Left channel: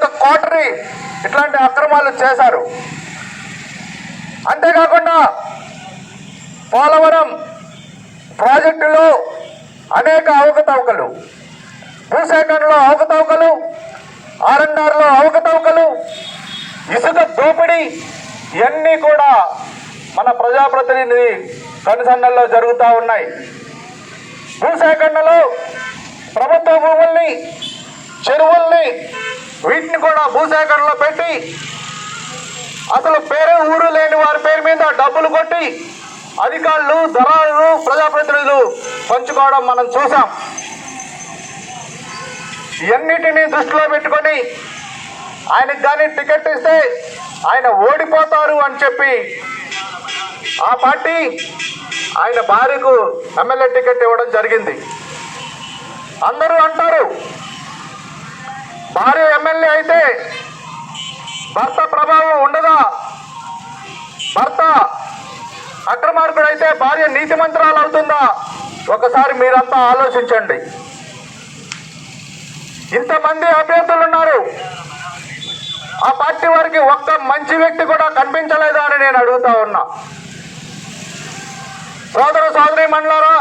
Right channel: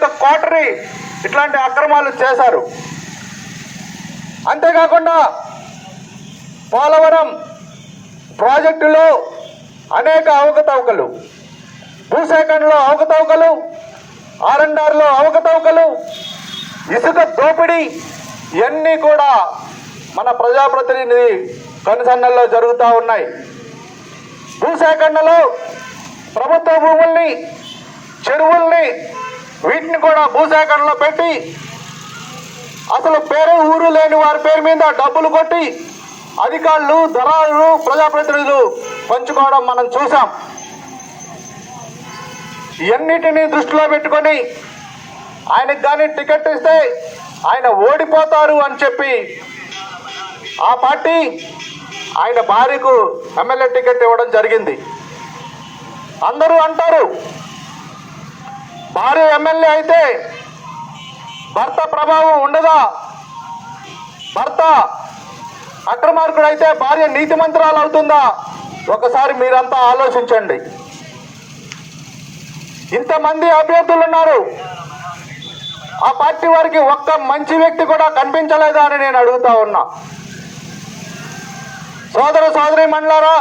యొక్క కోటరీ ఇట్లాంటి అక్రమాలు చేశారు. అంతేకాకుండా పోలవరం ప్రాజెక్టులో అనేక అవకతవకలు, భూసేకరణలో అవకతవకలు, ఆర్ఎన్ఆర్లో అవకతవకలు, ఇసుక దోపిడీ ఇవన్నీ కూడా మన ప్రజాప్రతినిధి కనుసన్నల్లో జరుగుతూ ఉన్నాయి. భూసేకరణలో ప్రభుత్వ భూముల్ని, చెరువుల్ని వీటిని కూడా భూసేకరణలో పెట్టి అసలు పేరే ఊరు లేని వారి పేరు మీద డబ్బులు కొట్టి అధికారులు, దళారులు, ప్రజాప్రతినిధులు పంచుకోవడం మనం చూసాం. ఇవన్నిటినీ దృష్టిలో పెట్టుకొని ఆయనకు కానీ టికెట్ ఇస్తే ఆయన ఓడిపోతారు అని చెప్పి ఆ పార్టీ ఆయన భార్యకు ఎమ్మెల్యే టికెట్ ఇవ్వడం జరిగింది. అందరూ అంటారు భార్య ఎమ్మెల్యే అయితే భర్త ప్రభావం ఉండదా, భర్త అక్రమార్కుడు అయితే భార్య నీతిమంతురాలు అవుతుందా? ఒకసారి మీరంతా ఆలోచించండి. ఇంతమంది అభ్యర్థులు ఉన్నారు, ఆ పార్టీ వారికి ఒక్క మంచి వ్యక్తి కూడా కనిపించలేదా అని నేను అడుగుతా ఉన్నా. సోదర సోదరీమణులారా,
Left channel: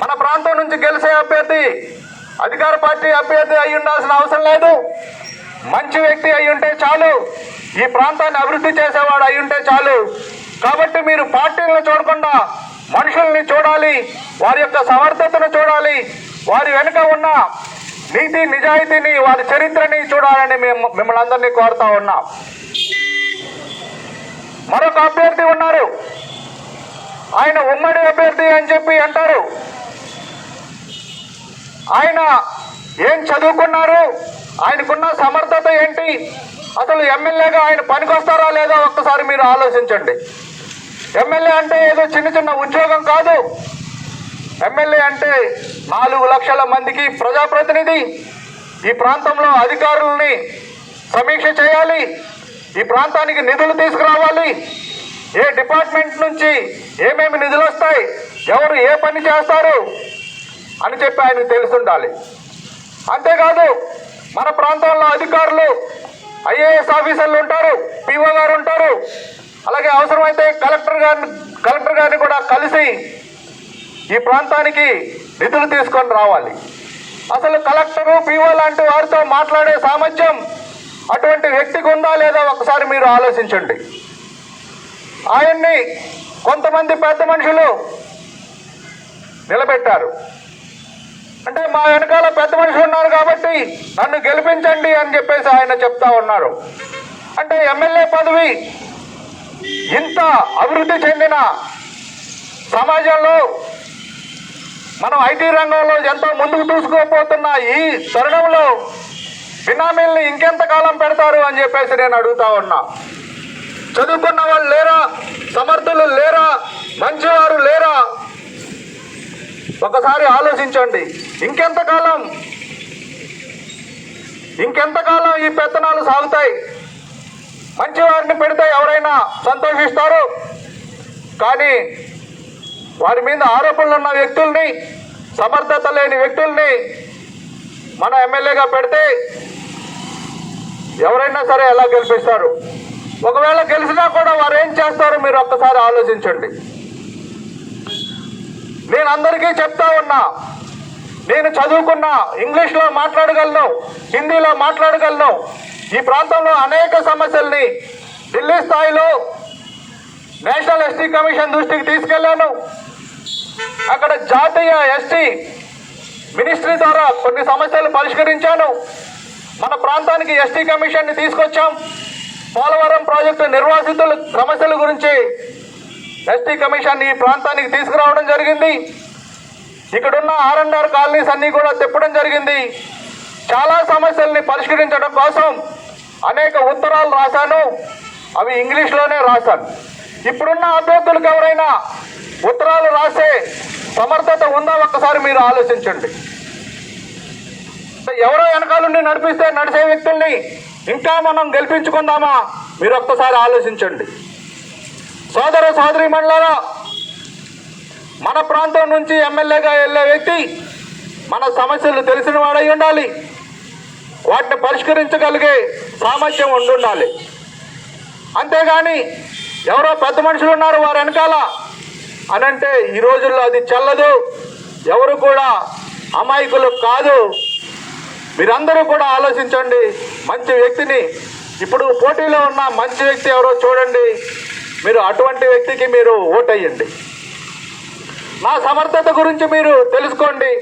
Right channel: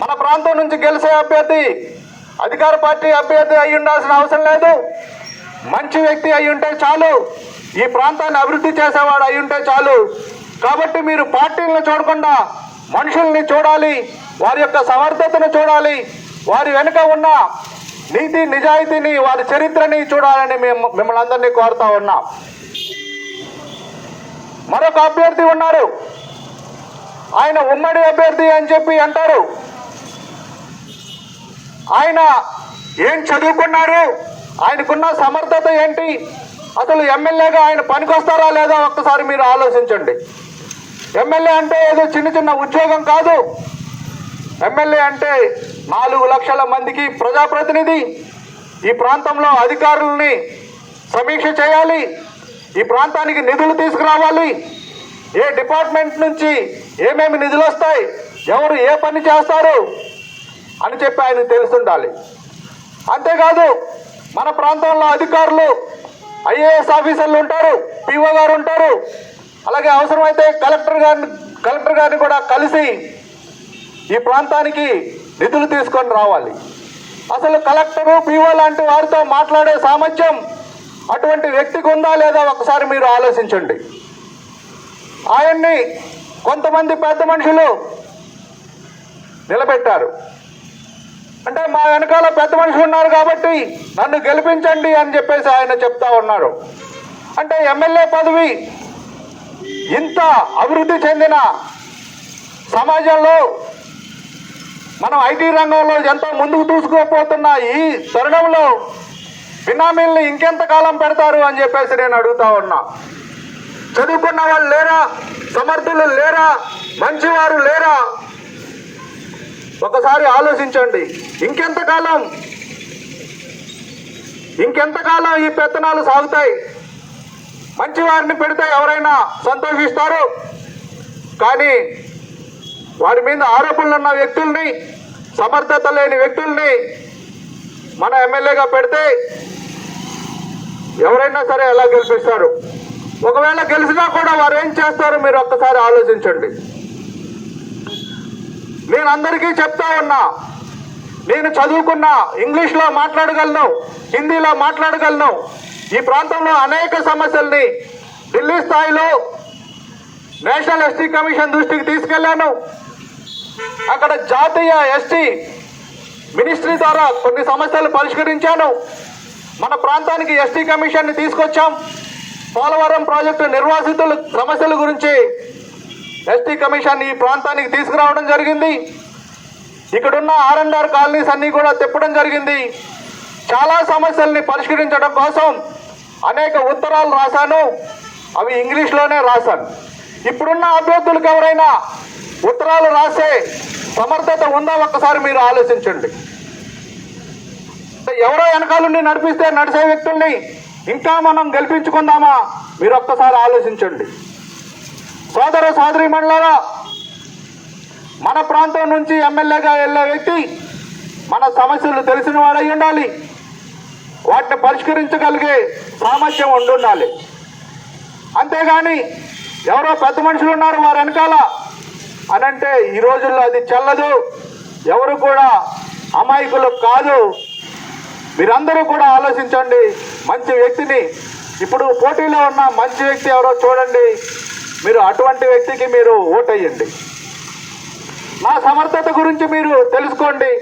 మన ప్రాంతం నుంచి గెలిచే అభ్యర్థి అధికార పార్టీ అభ్యర్థి అయి ఉండాల్సిన అవసరం లేదు. మంచి వ్యక్తి అయి ఉంటే చాలు, ఈ ప్రాంతాన్ని అభివృద్ధి చేసేవాడు అయి ఉంటే చాలు. కాబట్టి మీరు పార్టీలను చూడకుండా మనుషుల్ని చూడాలి, వారి యొక్క సమర్థతను చూడాలి, వారి వెనుక ఉన్న నీతి నిజాయితీని, వారి చరిత్రని చూడాలని మిమ్మల్ని అందరినీ కోరుతా ఉన్నాం. మరొక అభ్యర్థి ఉన్నారు, ఆయన ఉమ్మడి అభ్యర్థి అని చెప్పి అంటారు. ఆయన ఏం చదువుకున్నారు, ఆయనకున్న సమర్థత ఏంటి, అసలు ఎమ్మెల్యేగా ఆయన పనికొస్తారా లేదా ఒక్కసారి మీరు ఆలోచించండి. ఎమ్మెల్యే అంటే ఏదో చిన్న చిన్న ఉద్యోగం కాదు. ఎమ్మెల్యే అంటే 4 లక్షల మందికి ప్రజాప్రతినిధి. ఈ ప్రాంతంలో అధికారుల్ని సమీక్ష చేయాలి, ఈ ప్రాంతానికి నిధులు తీసుకురావాలి, ఏ డిపార్ట్మెంట్ నుంచి ఏమేమి నిధులు వస్తాయి, ఎవరు ఏ పని చేస్తారు అని చెప్పి ఆయనకు తెలుసుండాలి. అంతేకాదు మన ప్రాంతంలో అధికారులు, ఐఏఎస్ ఆఫీసర్లు ఉంటారు, పిఓ గారు ఉంటారు, అలాగే అవసరమైతే కలెక్టర్ గారిని కూడా కలిసి ఈ ప్రాంతానికి నిధులు తీసుకొని రావాలి. అసలు కలెక్టరు, పిఓ లాంటి వారితో మాట్లాడే సామర్థ్యం అటువంటి వ్యక్తికి ఉందా లేదా ఒకసారి మీరు ఆలోచించండి. ఆయన్ని కొంతమంది పెద్ద మనుషులు నిలబెట్టారు. అంటే మా వెనకాల పెద్ద మనుషులు ఉన్నారు కాబట్టి నన్ను గెలిపించండి అని చెప్పేసి ఆయన చెప్తా ఉన్నారు. అంటే ఎమ్మెల్యే పదవి ఇంత అభివృద్ధి చెందిన సమాజంలో, మనం ఐటీ రంగంలో ఎంతో ముందుకు దూసుకుపోతున్న ఈ తరుణంలో బినామీల్ని ఇంకెంతకాలం పెడతారు అని చెప్పేసి నేను అడుగుతా ఉన్నా. చదువుకున్న వాళ్ళు లేరా, సమర్థులు లేరా, మంచివారు లేరా? ఒకసారి ఆలోచించండి. ఇంకెంతకాలం ఈ పెత్తనాలు సాగుతాయి? మంచివారిని పెడితే ఎవరైనా సంతోషిస్తారు, కానీ వారి మీద ఆరోపణలు ఉన్న వ్యక్తుల్ని, సమర్థత లేని వ్యక్తుల్ని మన ఎమ్మెల్యేగా పెడితే ఎవరైనా సరే ఎలా గెలిపిస్తారు? ఒకవేళ గెలిచినా కూడా వారు ఏం చేస్తారో మీరు ఒక్కసారి ఆలోచించండి. నేను అందరికీ చెప్తా ఉన్నా, నేను చదువుకున్నా, ఇంగ్లీష్లో మాట్లాడగలను, హిందీలో మాట్లాడగలను. ఈ ప్రాంతంలో అనేక సమస్యల్ని ఢిల్లీ స్థాయిలో నేషనల్ ఎస్టీ కమిషన్ దృష్టికి తీసుకెళ్లాను. అక్కడ జాతీయ ఎస్టీ మినిస్ట్రీ ద్వారా కొన్ని సమస్యలు పరిష్కరించాను. మన ప్రాంతానికి ఎస్టీ కమిషన్ని తీసుకొచ్చాం. పోలవరం ప్రాజెక్టు నిర్వాసితుల సమస్యల గురించి ఎస్టీ కమిషన్ ఈ ప్రాంతానికి తీసుకురావడం జరిగింది. ఇక్కడున్న ఆర్ఎన్ఆర్ కాలనీస్ అన్ని కూడా తిప్పడం జరిగింది. చాలా సమస్యల్ని పరిష్కరించడం కోసం అనేక ఉత్తరాలు రాశాను, అవి ఇంగ్లీష్లోనే రాశాను. ఇప్పుడున్న అభ్యర్థులకు ఎవరైనా ఉత్తరాలు రాసే సమర్థత ఉందా ఒక్కసారి మీరు ఆలోచించండి. ఎవరో వెనకాలని నడిపిస్తే నడిచే వ్యక్తుల్ని ఇంకా మనం గెలిపించుకుందామా మీరు ఒక్కసారి ఆలోచించండి. సోదర సోదరీమణులారా, మన ప్రాంతం నుంచి ఎమ్మెల్యేగా వెళ్ళే వ్యక్తి మన సమస్యలు తెలిసిన వాడై ఉండాలి. వాటిని పరిష్కరించగలిగే సామర్థ్యం ఉండాలి. అంతేగాని ఎవరో పెద్ద మనుషులు ఉన్నారు వారు వెనకాల అని అంటే ఈ రోజుల్లో అది చెల్లదు. ఎవరు కూడా అమాయకులు కాదు. మీరందరూ కూడా ఆలోచించండి. మంచి వ్యక్తిని, ఇప్పుడు పోటీలో ఉన్న మంచి వ్యక్తి ఎవరో చూడండి, మీరు అటువంటి వ్యక్తికి మీరు ఓటేయండి. నా సమర్థత గురించి మీరు తెలుసుకోండి.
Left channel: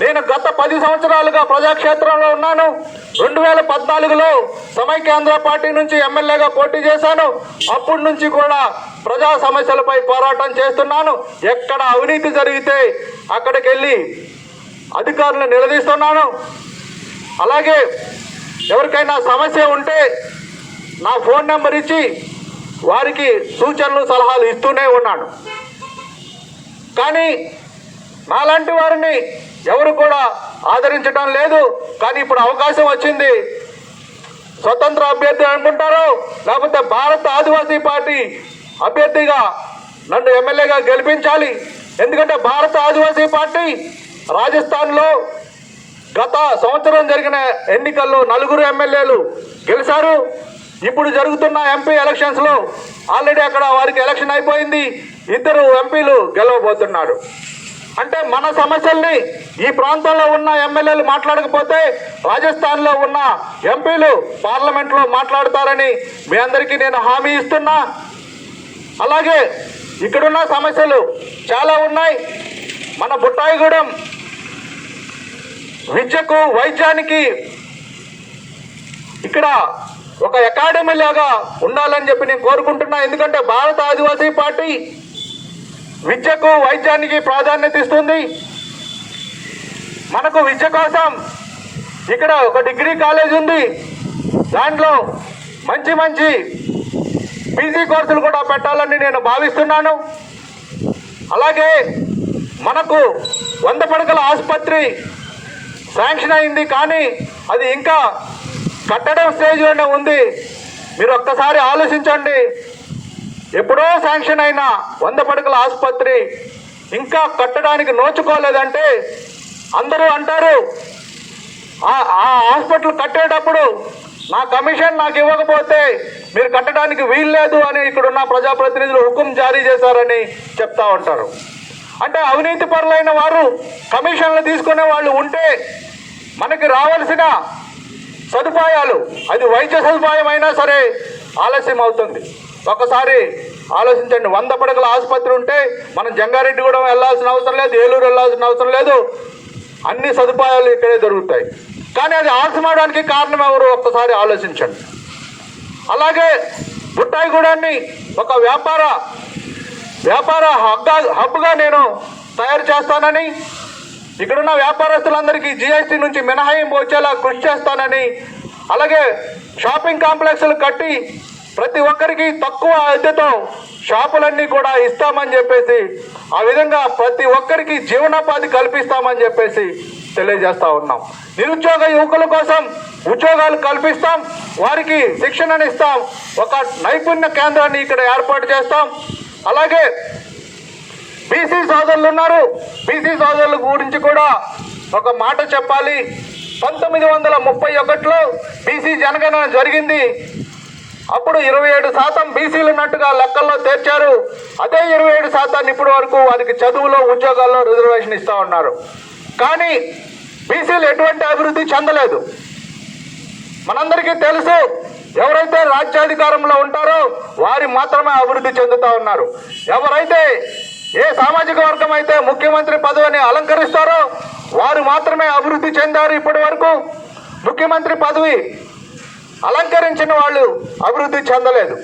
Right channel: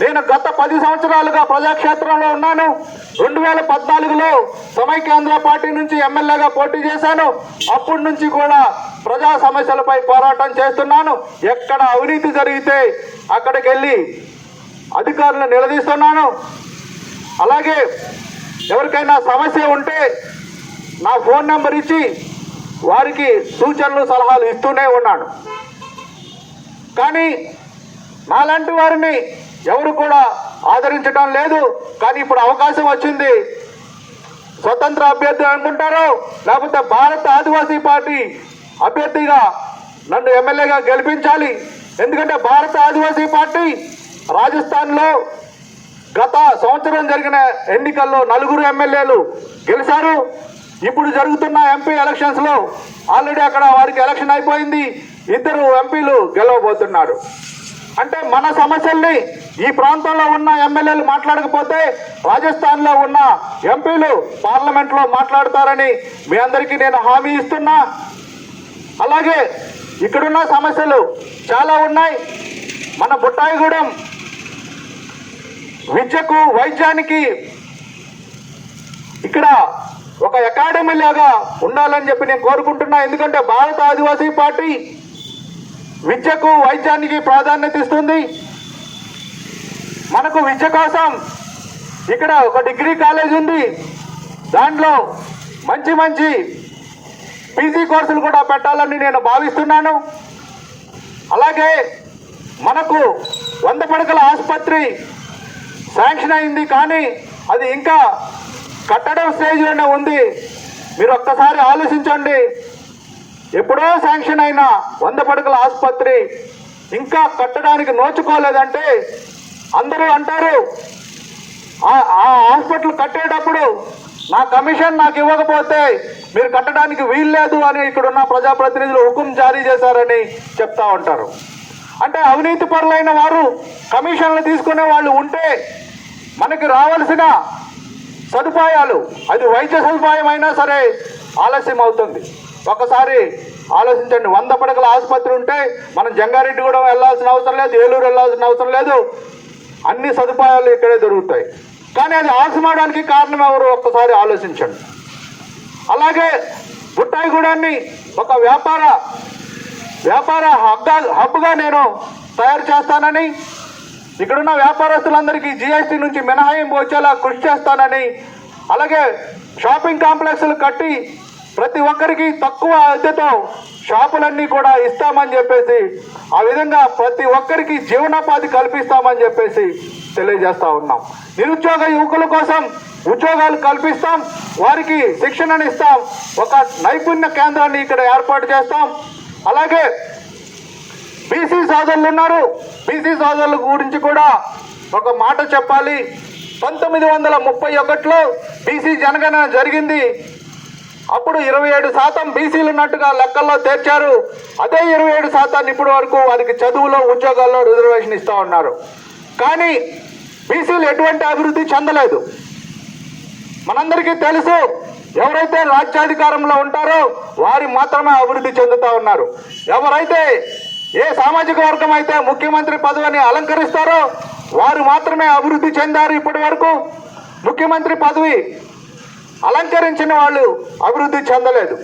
నేను గత 10 సంవత్సరాలుగా ప్రజాక్షేత్రంలో ఉన్నాను. 2014లో సమైక్యాంధ్ర పార్టీ నుంచి ఎమ్మెల్యేగా పోటీ చేశాను. అప్పటి నుంచి కూడా ప్రజా సమస్యలపై పోరాటం చేస్తున్నాను. ఎక్కడ అవినీతి జరిగితే అక్కడికి వెళ్ళి అధికారులను నిలదీస్తున్నాను. అలాగే ఎవరికైనా సమస్య ఉంటే నా ఫోన్ నెంబర్ ఇచ్చి వారికి సూచనలు సలహాలు ఇస్తూనే ఉన్నాను. కానీ నాలాంటి వారిని ఎవరు కూడా ఆదరించడం లేదు. కానీ ఇప్పుడు అవకాశం వచ్చింది. స్వతంత్ర అభ్యర్థి అనుకుంటారో లేకపోతే భారత ఆదివాసీ పార్టీ అభ్యర్థిగా నన్ను ఎమ్మెల్యేగా గెలిపించాలి. ఎందుకంటే భారత ఆదివాసీ పార్టీ రాజస్థాన్లో గత సంవత్సరం జరిగిన ఎన్నికల్లో 4 ఎమ్మెల్యేలు గెలిచారు. ఇప్పుడు జరుగుతున్న ఎంపీ ఎలక్షన్స్లో ఆల్రెడీ అక్కడ వారికి ఎలక్షన్ అయిపోయింది. 2 ఎంపీలు గెలవబోతున్నారు. అంటే మన సమస్యల్ని ఈ ప్రాంతంలో ఉన్న ఎమ్మెల్యేలు మాట్లాడకపోతే రాజస్థాన్లో ఉన్న ఎంపీలు పార్లమెంట్లో మాట్లాడతారని మీ అందరికీ నేను హామీ ఇస్తున్నా. అలాగే ఇక్కడున్న సమస్యలు చాలా ఉన్నాయి. మన బుట్టాయిగూడెం విద్యకు వైద్యానికి ఇక్కడ ఒక అకాడమీ లాగా ఉండాలని చెప్పి నేను కోరుకుంటున్నా. ఎందుకంటే భారత ఆదివాసీ పార్టీ విద్యకు వైద్యానికి ప్రాధాన్యత ఇస్తుంది. మనకు విద్య కోసం ఇక్కడ ఒక డిగ్రీ కాలేజ్ ఉంది. దాంట్లో మంచి మంచి పీజీ కోర్సులు కూడా పెట్టాలని నేను భావిస్తున్నాను. అలాగే మనకు 100 పడకల ఆసుపత్రి శాంక్షన్ అయింది, కానీ అది ఇంకా కట్టడం స్టేజ్లోనే ఉంది. మీరు ఒక్కసారి ఆలోచించండి. ఎప్పుడో శాంక్షన్ అయిన 100 పడకల ఆసుపత్రి ఇంకా కట్టడానికి నోచుకోలేదంటే అందరూ అంటారు ఆ హాస్పిటల్ కట్టేటప్పుడు నా కమిషన్ నాకు ఇవ్వకపోతే మీరు కట్టడానికి వీల్లేదు అని ఇక్కడున్న ప్రజాప్రతినిధులు హుకుం జారీ చేశారని చెప్తా ఉంటారు. అంటే అవినీతి పరులైన వారు కమిషన్లు తీసుకునే వాళ్ళు ఉంటే మనకి రావాల్సిన సదుపాయాలు, అది వైద్య సదుపాయం అయినా సరే ఆలస్యం అవుతుంది. ఒకసారి ఆలోచించండి. 100 పడకల ఆసుపత్రి ఉంటే మనం జంగారెడ్డిగూడెం వెళ్ళాల్సిన అవసరం లేదు, ఏలూరు వెళ్ళాల్సిన అవసరం లేదు. అన్ని సదుపాయాలు ఇక్కడే దొరుకుతాయి. కానీ అది ఆలస్యమవడానికి కారణం ఎవరు ఒక్కసారి ఆలోచించండి. అలాగే బుట్టాయిగూడాన్ని ఒక వ్యాపార హబ్గా నేను తయారు చేస్తానని, ఇక్కడున్న వ్యాపారస్తులందరికీ జీఎస్టీ నుంచి మినహాయింపు వచ్చేలా కృషి చేస్తానని, అలాగే షాపింగ్ కాంప్లెక్స్లు కట్టి ప్రతి ఒక్కరికి తక్కువ అద్దెతో షాపులన్నీ కూడా ఇస్తామని చెప్పేసి, ఆ విధంగా ప్రతి ఒక్కరికి జీవనోపాధి కల్పిస్తామని చెప్పేసి తెలియజేస్తా ఉన్నాం. నిరుద్యోగ యువకుల కోసం ఉద్యోగాలు కల్పిస్తాం, వారికి శిక్షణను ఇస్తాం, ఒక నైపుణ్య కేంద్రాన్ని ఇక్కడ ఏర్పాటు చేస్తాం. అలాగే బీసీ సోదరులు ఉన్నారు. బీసీ సోదరుల గురించి కూడా ఒక మాట చెప్పాలి. 1931లో బీసీ జనగణన జరిగింది. అప్పుడు 27% బీసీలు ఉన్నట్టుగా లెక్కల్లో చేర్చారు. అదే 27% ఇప్పటి వరకు వారికి చదువులో ఉద్యోగాల్లో రిజర్వేషన్ ఇస్తూ ఉన్నారు. కానీ బీసీలు ఎటువంటి అభివృద్ధి చెందలేదు. మనందరికీ తెలుసు, ఎవరైతే రాజ్యాధికారంలో ఉంటారో వారు మాత్రమే అభివృద్ధి చెందుతూ ఉన్నారు. ఎవరైతే ఏ సామాజిక వర్గం అయితే ముఖ్యమంత్రి పదవిని అలంకరిస్తారో వారు మాత్రమే అభివృద్ధి చెందారు. ఇప్పటి వరకు ముఖ్యమంత్రి పదవి అలంకరించిన వాళ్ళు అభివృద్ధి చెందలేదు.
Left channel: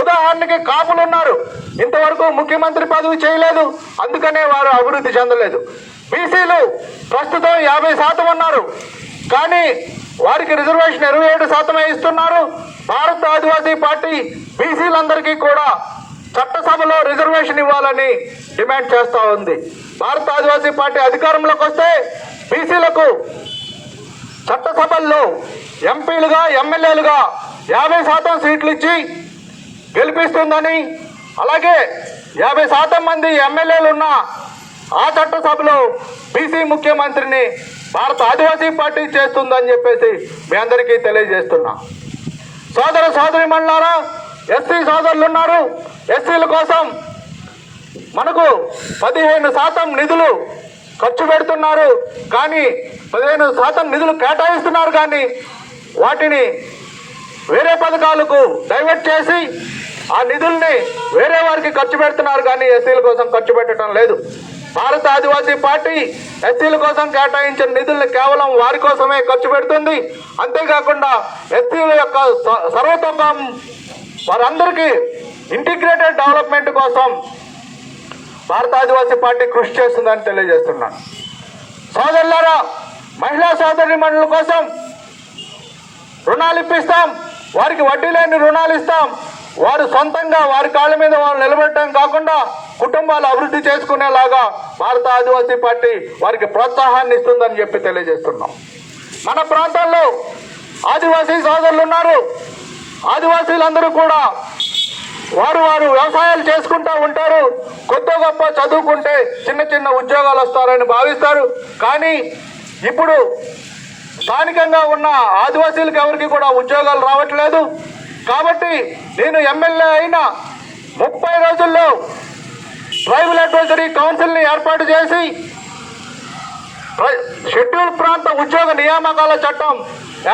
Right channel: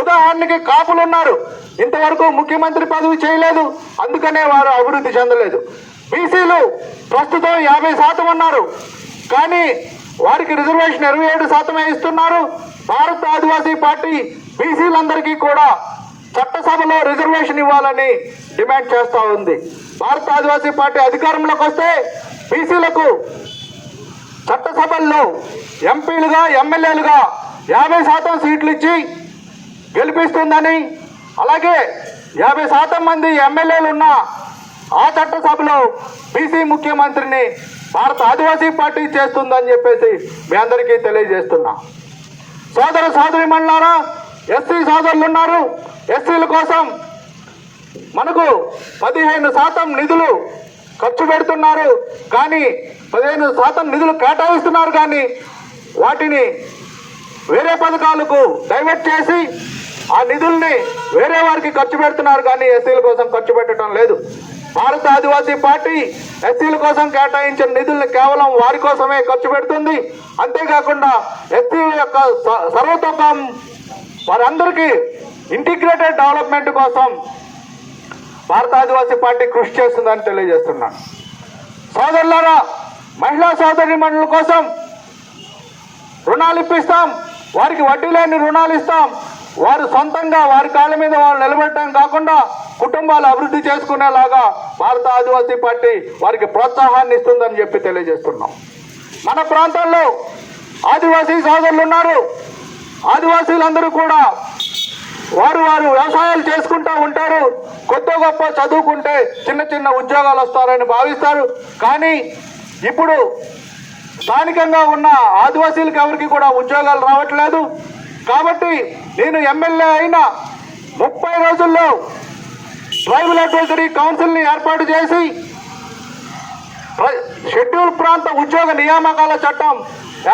ఉదాహరణకి కాపులు ఉన్నారు, ఇంతవరకు ముఖ్యమంత్రి పదవి చేయలేదు, అందుకనే వారు అభివృద్ధి చెందలేదు. బీసీలు ప్రస్తుతం 50% ఉన్నారు, కానీ వారికి రిజర్వేషన్ 27% ఇస్తున్నారు. భారత ఆదివాసీ పార్టీ బీసీలందరికీ కూడా చట్టసభలో రిజర్వేషన్ ఇవ్వాలని డిమాండ్ చేస్తూ ఉంది. భారత ఆదివాసీ పార్టీ అధికారంలోకి వస్తే బీసీలకు చట్టసభల్లో ఎంపీలుగా ఎమ్మెల్యేలుగా 50% సీట్లు ఇచ్చి గెలిపిస్తుందని, అలాగే 50% మంది ఎమ్మెల్యేలు ఉన్న ఆ చట్టసభలో బీసీ ముఖ్యమంత్రిని భారత ఆదివాసీ పార్టీ చేస్తుందని చెప్పేసి మీ అందరికీ తెలియజేస్తున్నా. సోదరిమణులారా, ఎస్సీ సోదరులు ఉన్నారు. ఎస్సీల కోసం మనకు 15% నిధులు ఖర్చు పెడుతున్నారు, కానీ 15% నిధులు కేటాయిస్తున్నారు, కానీ వాటిని వేరే పథకాలకు డైవర్ట్ చేసి ఆ నిధుల్ని వేరే వారికి ఖర్చు పెడుతున్నారు, కానీ ఎస్సీల కోసం ఖర్చు పెట్టడం లేదు. భారత ఆదివాసీ పార్టీ ఎస్సీల కోసం కేటాయించిన నిధుల్ని కేవలం వారి కోసమే ఖర్చు పెడుతుంది. అంతేకాకుండా ఎస్సీల యొక్క సర్వతోముఖం వారందరికీ ఇంటిగ్రేటెడ్ డెవలప్మెంట్ కోసం భారత ఆదివాసీ పార్టీ కృషి చేస్తుందని తెలియజేస్తున్నాను. సోదరులారా, మహిళా సోదరీమణుల కోసం రుణాలు ఇప్పిస్తాం, వారికి వడ్డీ లేని రుణాలు ఇస్తాం. వారు సొంతంగా వారి కాళ్ళ మీద వాళ్ళు నిలబెట్టడం కాకుండా కుటుంబాలు అభివృద్ధి చేసుకునేలాగా భారత ఆదివాసీ పార్టీ వారికి ప్రోత్సాహాన్ని ఇస్తుందని చెప్పి తెలియజేస్తున్నాం. మన ప్రాంతాల్లో ఆదివాసీ సోదరులు ఉన్నారు. ఆదివాసీలందరూ కూడా వారు వ్యవసాయాలు చేసుకుంటూ ఉంటారు. కొత్త గొప్ప చదువుకుంటే చిన్న ఉద్యోగాలు వస్తారని భావిస్తారు, కానీ ఇప్పుడు స్థానికంగా ఉన్న ఆదివాసీలకు ఎవరికి కూడా ఉద్యోగాలు రావట్లేదు. కాబట్టి నేను ఎమ్మెల్యే అయిన 30 రోజుల్లో ట్రైబల్ అడ్వైజరీ కౌన్సిల్ని ఏర్పాటు చేసి షెడ్యూల్ ప్రాంత ఉద్యోగ నియామకాల చట్టం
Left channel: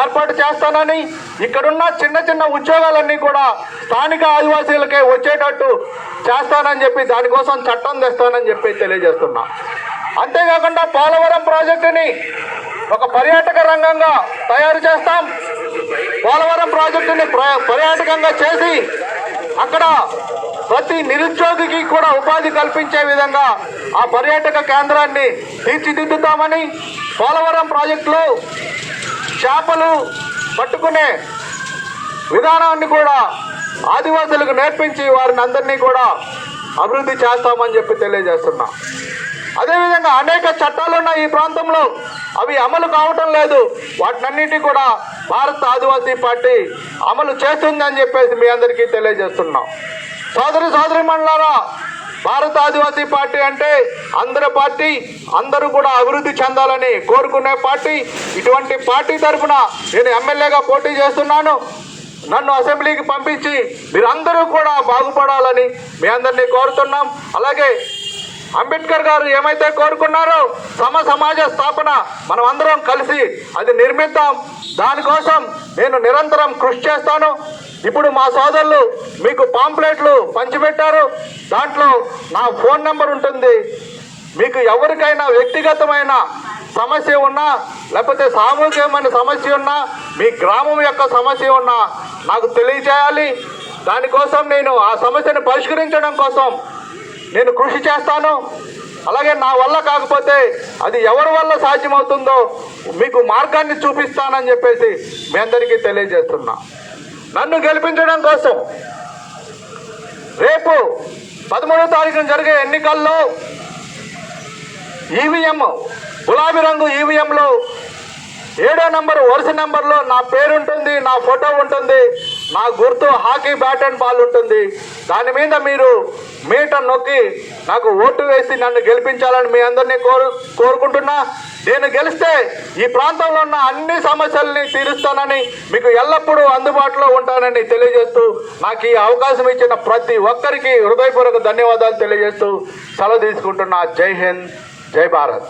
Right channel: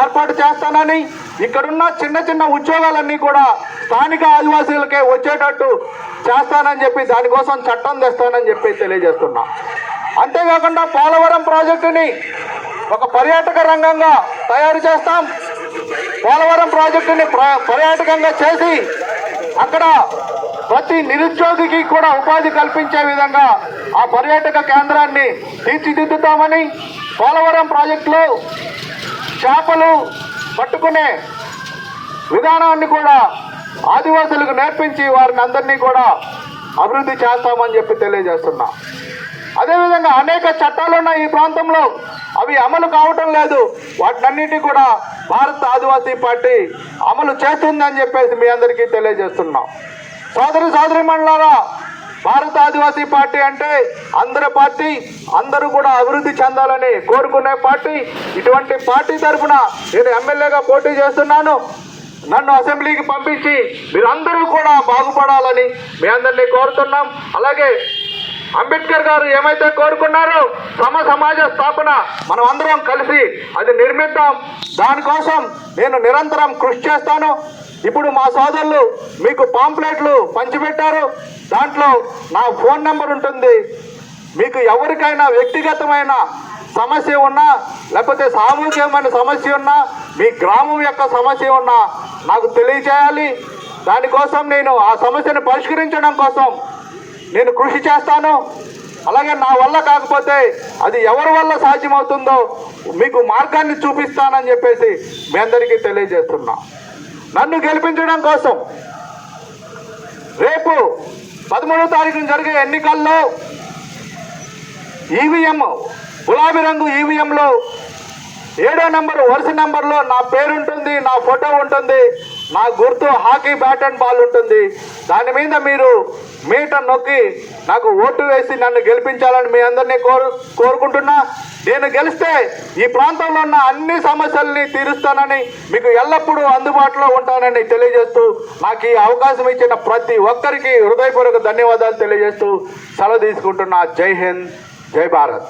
ఏర్పాటు చేస్తానని, ఇక్కడున్న చిన్న ఉద్యోగాలన్నీ కూడా స్థానిక ఆదివాసీలకే వచ్చేటట్టు చేస్తానని చెప్పి దానికోసం చట్టం తెస్తానని చెప్పి తెలియజేస్తున్నా. అంతేకాకుండా పోలవరం ప్రాజెక్టుని ఒక పర్యాటక రంగంగా తయారు చేస్తాం. పోలవరం ప్రాజెక్టుని పర్యాటకంగా చేసి అక్కడ ప్రతి నిరుద్యోగికి కూడా ఉపాధి కల్పించే విధంగా ఆ పర్యాటక కేంద్రాన్ని తీర్చిదిద్దుతామని, పోలవరం ప్రాజెక్టులో చేపలు పట్టుకునే విధానాన్ని కూడా ఆదివాసులకు నేర్పించి వారిని అందరినీ కూడా అభివృద్ధి చేస్తామని చెప్పి తెలియజేస్తున్నా. అదేవిధంగా అనేక చట్టాలు ఉన్నాయి ఈ ప్రాంతంలో, అవి అమలు కావటం లేదు. వాటినన్నిటి కూడా భారత ఆదివాసీ పార్టీ అమలు చేస్తుందని చెప్పేసి మీ అందరికీ తెలియజేస్తున్నాం. సోదరిమణులారా, భారత ఆదివాసీ పార్టీ అంటే అందరి పార్టీ, అందరూ కూడా అభివృద్ధి చెందాలని కోరుకునే పార్టీ. ఇటువంటి పార్టీ తరఫున నేను ఎమ్మెల్యేగా పోటీ చేస్తున్నాను. నన్ను అసెంబ్లీకి పంపించి మీరందరూ కూడా బాగుపడాలని మీ అందరినీ కోరుతున్నాం. అలాగే అంబేద్కర్ గారు ఏమైతే కోరుకున్నారో సమాజ స్థాపన మనం అందరం కలిసి అది నిర్మిద్దాం. దానికోసం నేను నిరంతరం కృషి చేస్తాను. ఇప్పుడు మా సోదరులు మీకు పాంప్లెట్లు పంచిపెట్టారు, దాంట్లో నా ఫోన్ నెంబర్ ఉంటుంది. మీకు ఎవరికైనా వ్యక్తిగతమైన సమస్య ఉన్నా, లేకపోతే సామూహికమైన సమస్య ఉన్నా, మీ గ్రామం యొక్క సమస్య ఉన్నా నాకు తెలియచేయాలి. దానికోసం నేను ఆ సమస్యను పరిష్కరించడం కోసం నేను కృషి చేస్తాను. అలాగే నా వల్ల కాకపోతే అది ఎవరి వల్ల సాధ్యమవుతుందో మీకు మార్గాన్ని చూపిస్తానని చెప్పేసి మీ అందరికీ తెలియజేస్తున్నా. నన్ను గెలిపించడం కోసం రేపు 13వ తారీఖున జరిగే ఎన్నికల్లో ఈవీఎం, గులాబీ రంగు ఈవీఎంలో 7వ నెంబర్ వరుస నెంబర్లో నా పేరు ఉంటుంది, నా ఫోటో ఉంటుంది, నా గుర్తు హాకీ బ్యాట్ అండ్ బాల్ ఉంటుంది. దాని మీద మీరు మీటర్ నొక్కి నాకు ఓటు వేసి నన్ను గెలిపించాలని మీ అందరినీ కోరుకుంటున్నా. నేను గెలిస్తే ఈ ప్రాంతంలో ఉన్న అన్ని సమస్యల్ని తీరుస్తానని, మీకు ఎల్లప్పుడూ అందుబాటులో ఉంటానని తెలియజేస్తూ నాకు ఈ అవకాశం ఇచ్చిన ప్రతి ఒక్కరికి హృదయపూర్వక ధన్యవాదాలు తెలియజేస్తూ సెలవు తీసుకుంటున్నా. జై హింద్, జై భారత్.